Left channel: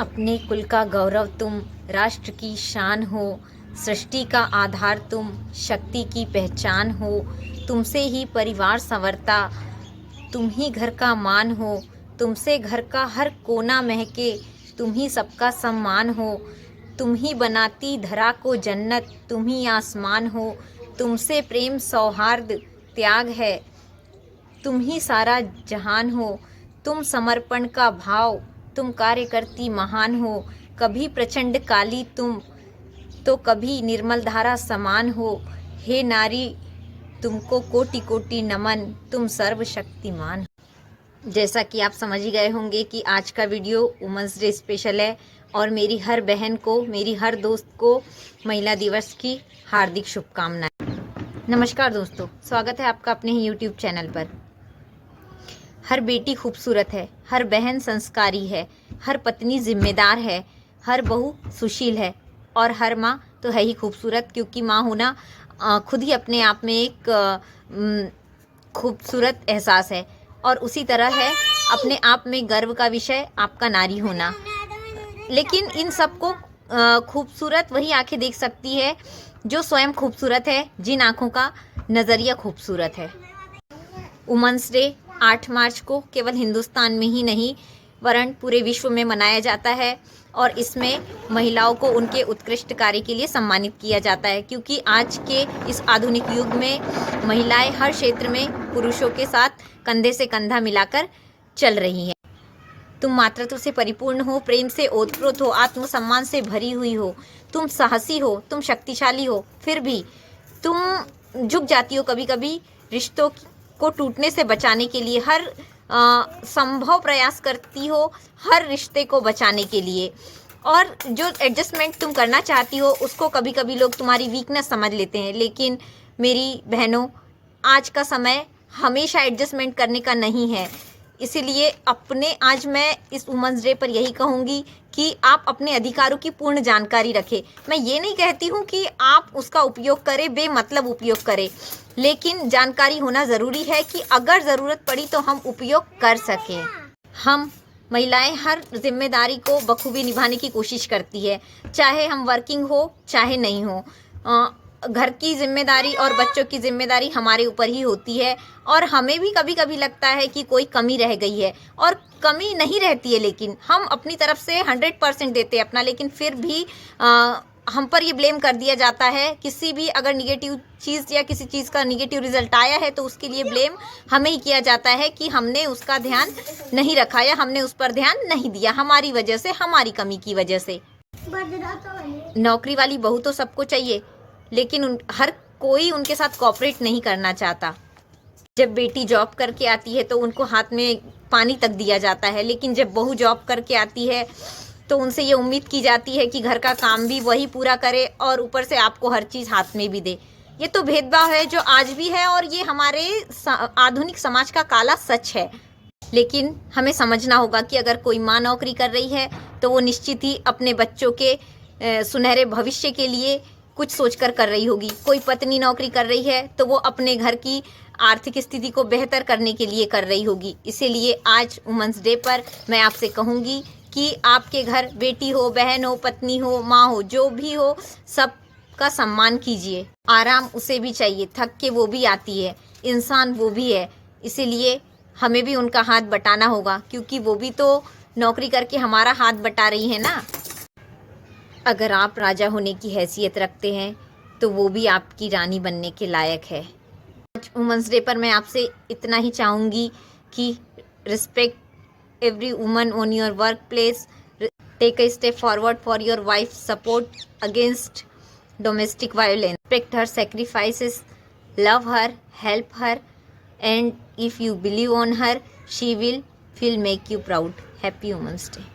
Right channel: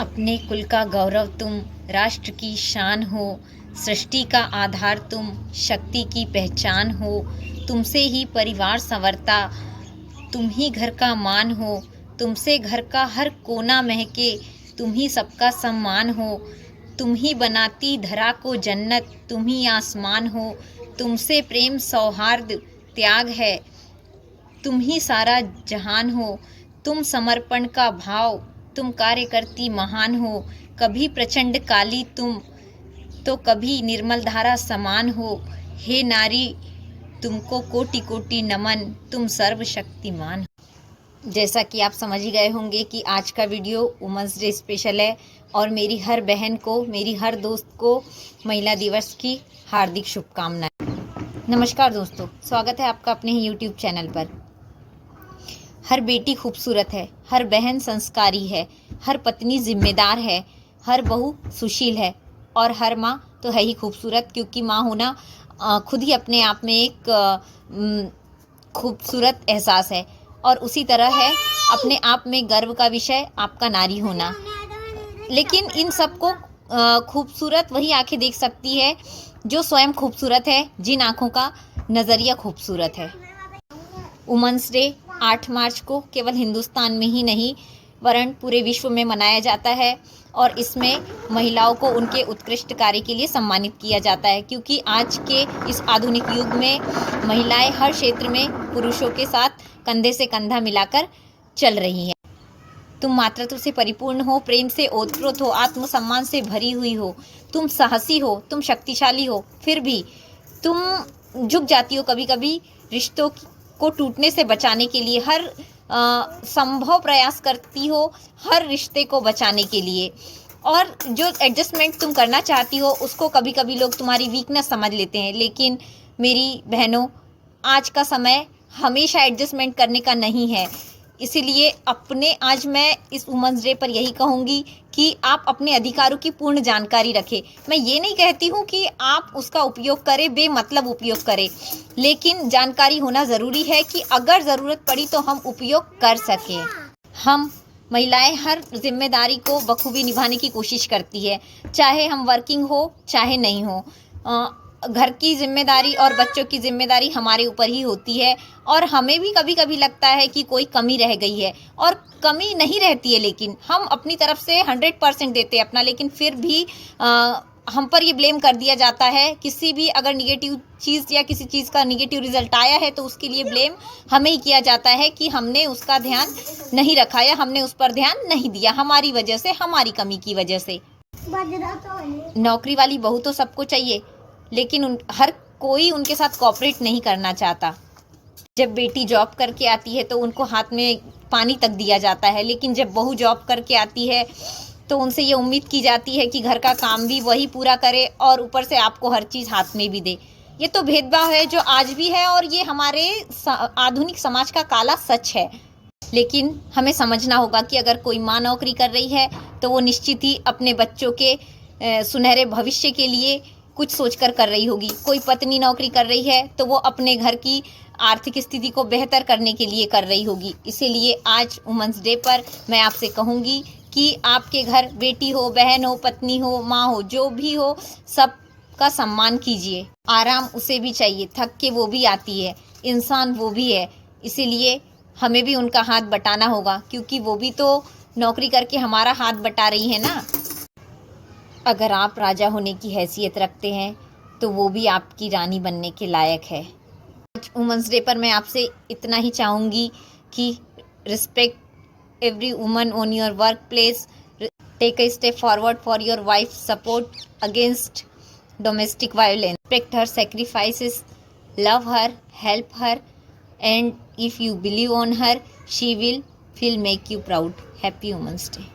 अपने कुल का गौरव तुम, राष्ट्र की शान हो, सृष्टि का आधार तुम, शक्ति की पहचान हो। तुमसे ही परिवार संवरता, तुम ही घर का मान हो। तुमसे घर का हर कोना महके, तुम ही सबका सम्मान हो। तुम ही बनाती धरा को जन्नत, तुम ही आसमान हो। तुमसे प्रेम सौहार्द त्याग है, तुम ही सारा जहान हो। तुम समर्पण का भाव, तुम कार्य करती महान हो। कभी प्रचंड काली तुम, तो कभी निर्मल धारा समान हो। हे नारी, तुमको कोटि कोटि नमन, तुम सर्वशक्तिमान हो। जैसा कि आप समझ ही गए होंगे कि आज का वीडियो वुमेंस डे स्पेशल है और मेरी हर बहन को, मेरी हर दोस्त को महिला दिवस की हार्दिक शुभकामनाएं। नमस्कार दोस्तों, स्वागत है आपका अपने ही यूट्यूब चैनल पर। हर बेटी खूबसूरत है, हर बहन संस्कारी है, हर पत्नी जिम्मेदार है, हर बहू सुशील है और हर माँ तो है ही खूबसूरत, क्योंकि माँ होना खुद ही अपने आप में एक खूबसूरत एहसास है। और उसी तरह है अपने आप में गर्व का विषय आपका नारी होना। लेकिन इन सबको खूबसूरत वही आंखें देख सकती है जो स्वयं खूबसूरत है, जिन आंखों का नज़रिया खूबसूरत है। वुमेंस डे 8 मार्च को केवल हिंदुस्तान में ही नहीं वरन पूरे विश्व में मनाया जाता है और इसमें महिलाओं को उनके उत्कृष्ट कार्य के लिए सम्मानित किया जाता है, क्योंकि आज के इस आधुनिक युग में महिलाएं हर क्षेत्र में पुरुषों के साथ कंधे से कंधा मिलाकर चल रही हैं। तुम मातृत्व से परिपूर्ण हो, प्रेम से ओतप्रोत हो, आत्मसम्मान से भरी हुई हो, तुम साहसी हो, तुम शक्तिशाली हो, फिर भी तुम झुक जाती हो कभी कभी रिश्तों को टूटने से बचाने के लिए। हर संभव प्रयास करती हो हर रिश्ते को बचाने के लिए, और जो एडजस्टमेंट तुम करना चाहती हो उसको कभी कभी लोग तुम्हारी वीकनेस समझ लेते हैं। लेकिन मेरी बहनों, आज का समय हमेशा एडजस्टमेंट करने का नहीं है। इसीलिए आज मैं इस वुमेंस डे पर यही कहूँगी कि आप अपने अधिकारों की पूर्ण जानकारी रखें। मैं ये नहीं कहती हूँ कि आप उसका उपयोग करें, बेमतलब उपयोग करें, लेकिन जानकारी होना ज़रूरी है कि अगर ज़रूरत पड़ी तो हम उपयोग कर सकें। हम महिलाएं हर जिम्मेदारी को बखूबी निभाने की कोशिश करती है, चाहे हम वर्किंग हो चाहे नहीं हो। घर की जिम्मेदारी और बच्चों की जिम्मेदारी हमारे ऊपर ही होती है और हमें भी कभी कभी लगता है कि कोई कमी रह गई है, और कमी नहीं रहती है, लेकिन हम अपनी तरफ से 100% देते हैं अपना, लेकिन फिर भी हम पर ये ब्लेम कर दिया जाता है। किसी भी अगर निगेटिव चीज़ या किसी चीज़ का निगेटिव रिजल्ट आया है तो उसके लिए ब्लेम हमें ही किया जाता है कि हमने उसका ध्यान नहीं रखा या हमने उस पर ध्यान नहीं दिया, हमारी वजह से, हमारी कमी की वजह से। नौकरी वाली बहू तो सबको चाहिए, लेकिन हर कोई उनके साथ कोऑपरेट नहीं करना चाहता। जब बेटी जॉब करके आती है तो उनको हाथ में पानी तक दिया जाता है, लेकिन जब बहू जॉब करके आती है तो उनसे ये उम्मीद की जाती है कि घर का काम भी वही पूरा करे और ऊपर से आपको हर चीज़ हाथ में भी दे। ये तो भेदभाव है जो आज भी है और ये हमारे आधुनिक समाज का काला सच है। लेकिन हमें समझना होगा कि अगर कोई माँ नौकरी कर रही है तो वो निश्चित ही अपने बच्चों के सुनहरे भविष्य के लिए कुछ सोचकर कर रही होगी। कोई पत्नी नौकरी कर रही है तो वो अपने घर की आर्थिक स्थिति को बेहतर करने के लिए कर रही होगी। इसीलिए आज वुमेंस डे पर मैं आपसे कहूँगी कि आपके घर बेटी हो, बहन हो, पत्नी हो, माँ हो, जो भी हो, सबका सम्मान कीजिए। आराम उसे भी चाहिए, थक के वो भी आती है, इंसान वो भी है। इसीलिए हमें भी उनका हाथ बटाना होगा, क्योंकि वो भी तो नौकरी करके हमारा हाथ बटा रही है ना। अगर आप राजा होने की हैसियत रखते हैं तो वो भी आपकी रानी बनने के लायक है। आज वुमेंस डे पर मैं आपसे इतना ही चाहूँगी कि respect every woman on your work place, take a step forward for your wife, support against domestic violence, respect her sacrifices, love her, help her, and if you believe on her, she will make you proud. Happy Women's Day.